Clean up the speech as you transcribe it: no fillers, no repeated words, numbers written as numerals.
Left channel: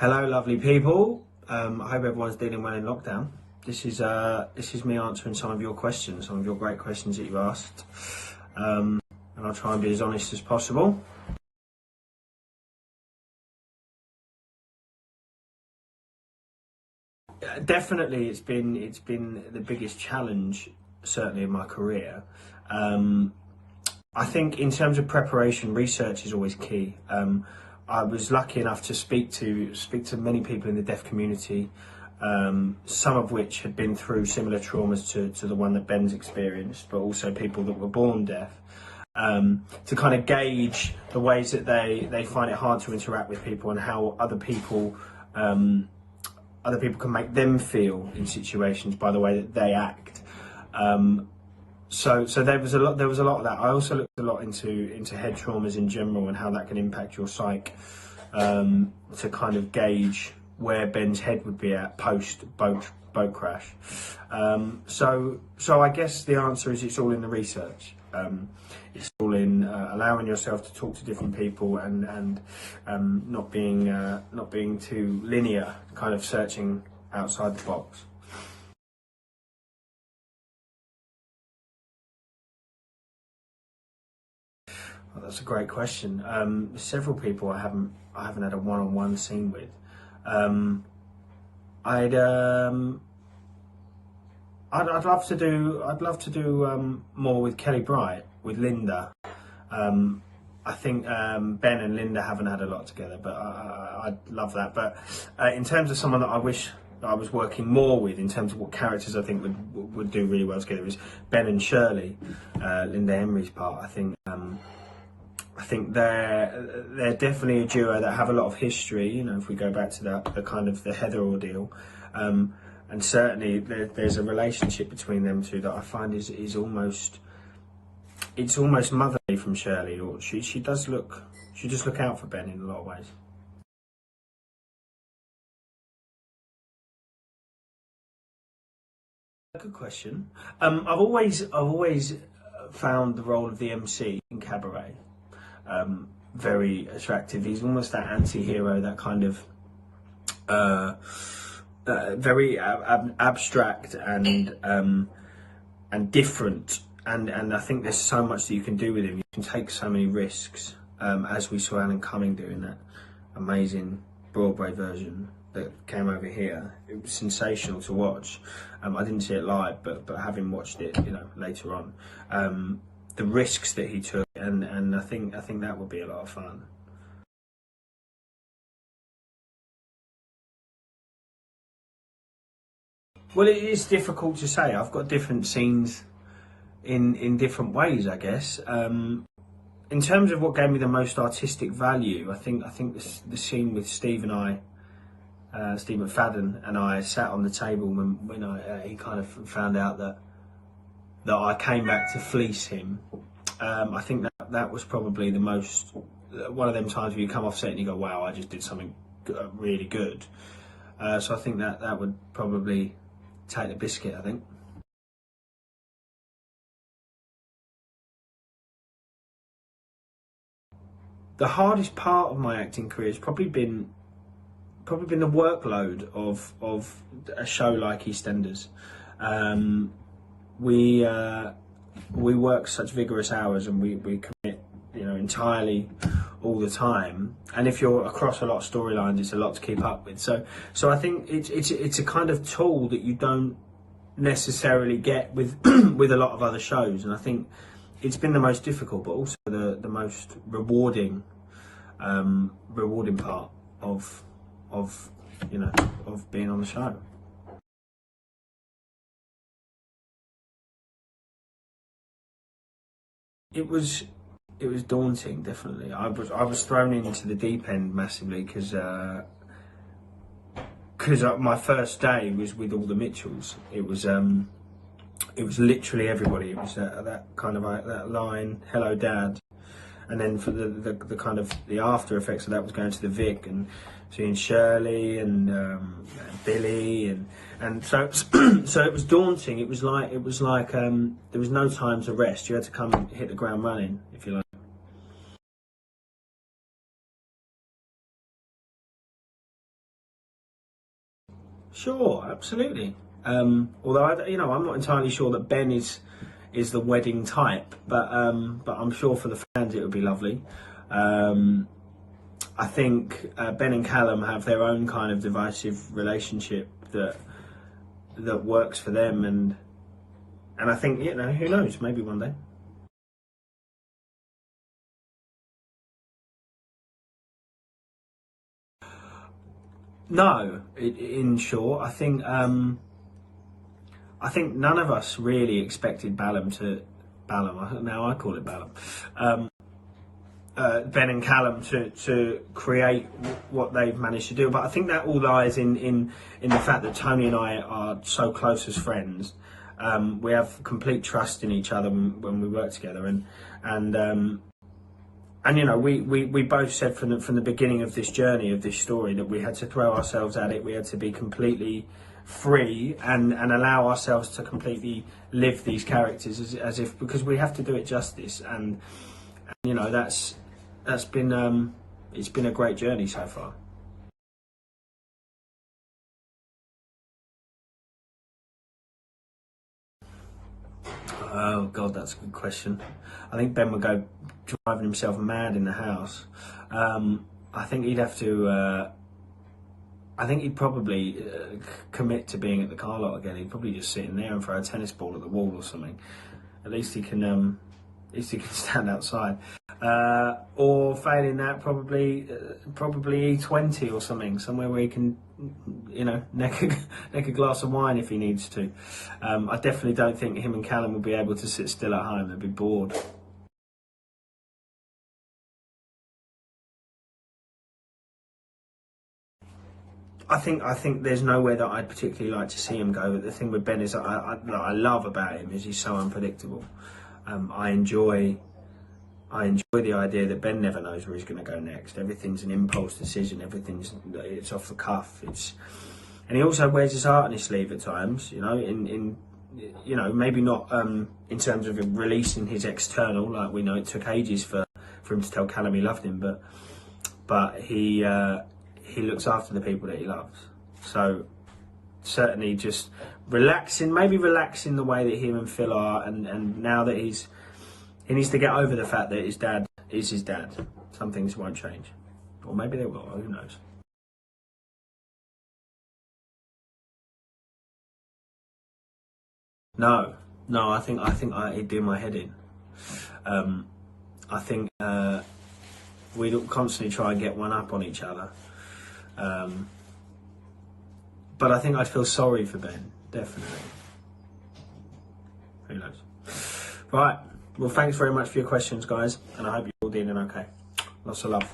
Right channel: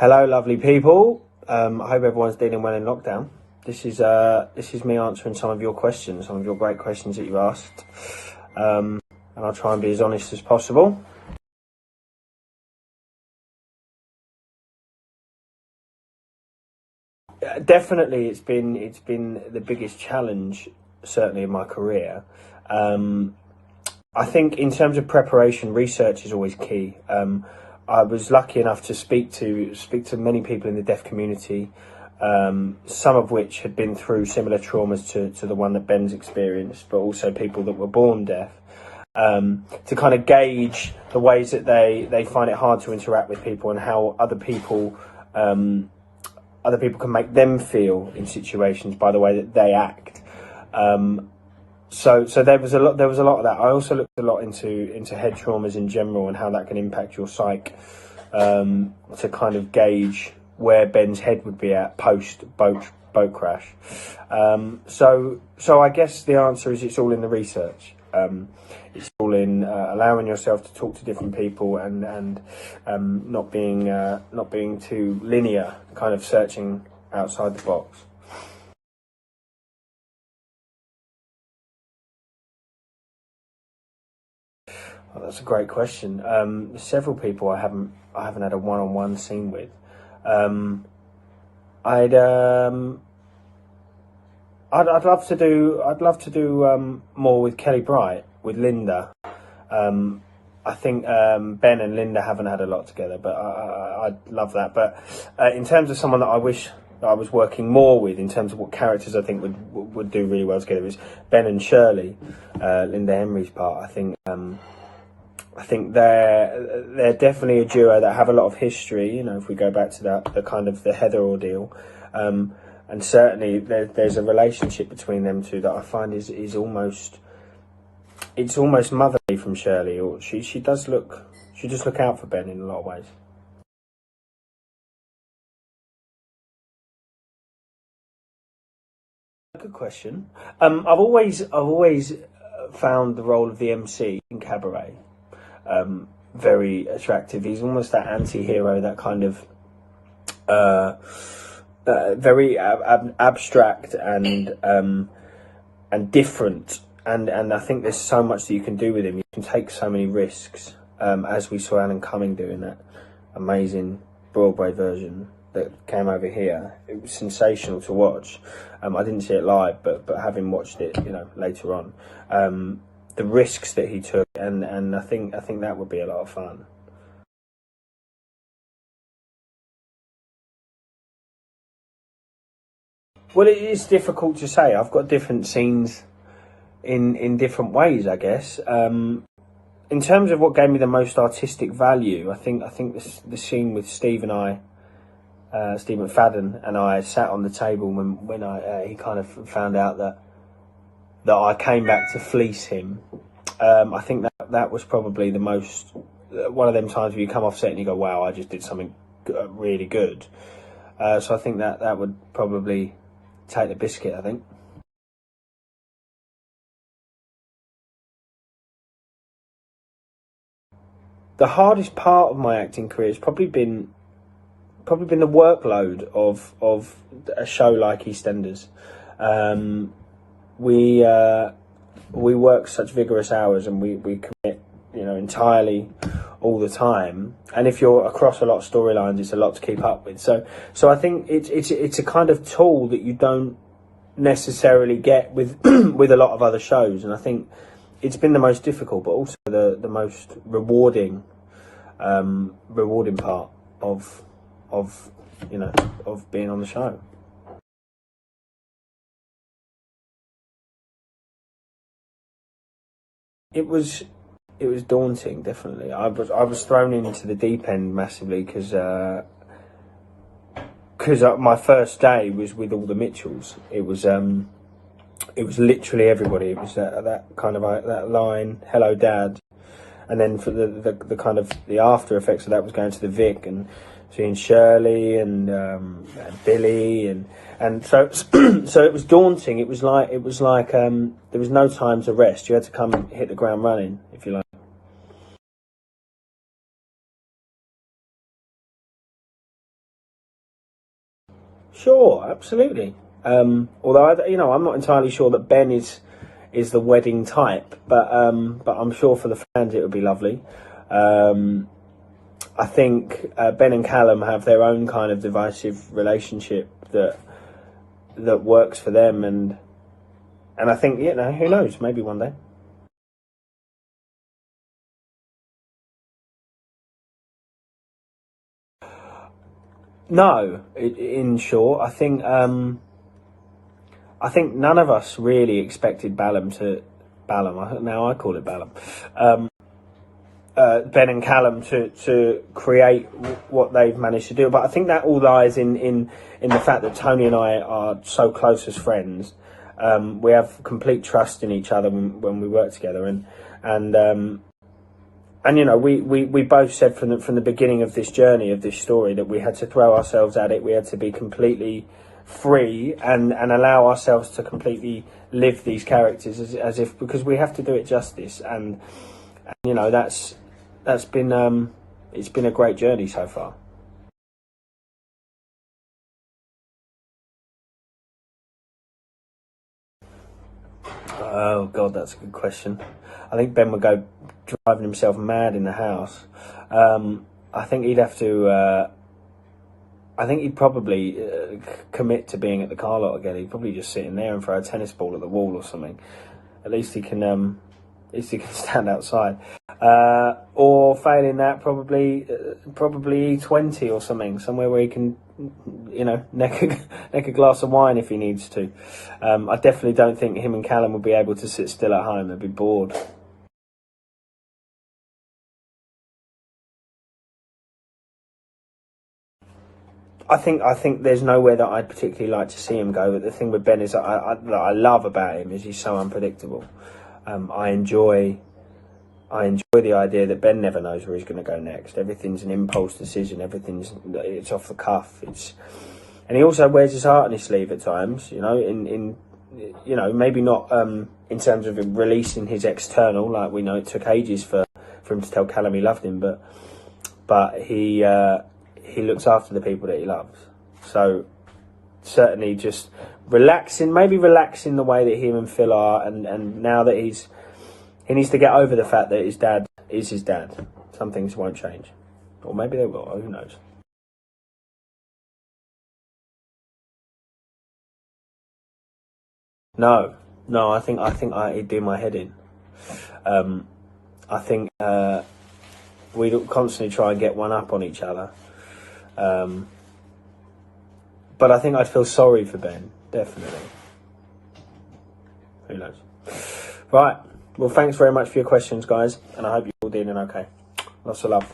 Hello, lovely people. I hope everyone's dealing well in lockdown. This is me answering some of your questions, some of your great questions that you asked, and I'll try and be as honest as possible. Definitely, it's been the biggest challenge, certainly in my career. I think in terms of preparation, research is always key. I was lucky enough to speak to many people in the deaf community, some of which had been through similar traumas to the one that Ben's experienced, but also people that were born deaf, to kind of gauge the ways that they find it hard to interact with people and how other people can make them feel in situations by the way that they act. So there was a lot of that. I also looked a lot into head traumas in general and how that can impact your psyche, to kind of gauge where Ben's head would be at post boat crash. So I guess the answer is it's all in the research. It's all in allowing yourself to talk to different people and not being too linear, kind of searching outside the box. Oh, that's a great question. Several people I haven't had a one-on-one scene with. I'd love to do more with Kelly Bright, with Linda. I think Ben and Linda haven't had a lot together, but I'd love that. But in terms of someone that I wish I was working more with, in terms of what characters I think would do really well together, is Ben and Shirley, Linda Henry's part. I think they're definitely a duo that have a lot of history. You know, if we go back to the kind of the Heather ordeal, and certainly there's a relationship between them two that I find is almost motherly from Shirley. Or she just look out for Ben in a lot of ways. Good question. I've always found the role of the MC in Cabaret very attractive. He's almost that anti-hero, that kind of very abstract and different. And I think there's so much that you can do with him. You can take so many risks, as we saw Alan Cumming doing that amazing Broadway version that came over here. It was sensational to watch. I didn't see it live, but having watched it, later on, the risks that he took, and I think that would be a lot of fun. Well, it is difficult to say. I've got different scenes in different ways, I guess. In terms of what gave me the most artistic value, I think the scene with Steve McFadden and I sat on the table when he kind of found out that I came back to fleece him. I think that was probably the most, one of them times where you come off set and you go, wow, I just did something really good. So I think that would probably take the biscuit, I think. The hardest part of my acting career has probably been the workload of a show like EastEnders. We work such vigorous hours, and we commit, entirely all the time. And if you're across a lot of storylines, it's a lot to keep up with. So I think it's a kind of tool that you don't necessarily get with with a lot of other shows. And I think it's been the most difficult, but also the most rewarding part of being on the show. It was daunting, definitely. I was thrown into the deep end massively because my first day was with all the Mitchells. It was literally everybody. It was that kind of that line, "Hello, Dad," and then for the kind of the after effects of that was going to the Vic and seeing Shirley and Billy and so so it was daunting. It was like there was no time to rest. You had to come and hit the ground running, if you like. Sure, absolutely. Although I'm not entirely sure that Ben is the wedding type, but I'm sure for the fans it would be lovely. I think Ben and Callum have their own kind of divisive relationship that works for them, and I think who knows, maybe one day. No, in short, I think none of us really expected Ballum. Now I call it Ballum. Ben and Callum to create what they've managed to do, but I think that all lies in the fact that Tony and I are so close as friends. We have complete trust in each other when we work together, and we both said from the beginning of this journey, of this story, that we had to throw ourselves at it. We had to be completely free and allow ourselves to completely live these characters as if, because we have to do it justice. And that's been it's been a great journey so far. Oh God, that's a good question. I think Ben would go driving himself mad in the house. I think he'd have to. I think he'd probably commit to being at the car lot again. He'd probably just sit in there and throw a tennis ball at the wall or something. At least he can. At least he can stand outside. Or failing that, probably E20 or something, somewhere where he can, neck a glass of wine if he needs to. I definitely don't think him and Callum would be able to sit still at home. They'd be bored. I think there's nowhere that I'd particularly like to see him go. But the thing with Ben is that I love about him is he's so unpredictable. I enjoy the idea that Ben never knows where he's going to go next. Everything's an impulse decision. It's off the cuff. And he also wears his heart on his sleeve at times. Maybe not in terms of releasing his external. Like, we know it took ages for him to tell Callum he loved him, but he looks after the people that he loves. So certainly just relaxing the way that him and Phil are, and now that he needs to get over the fact that his dad is his dad. Some things won't change, or maybe they will. Who knows? No, no. It'd do my head in. I think we constantly try and get one up on each other. But I think I'd feel sorry for Ben, definitely. Who knows? Right. Well, thanks very much for your questions, guys, and I hope you're all dealing okay. Lots of love.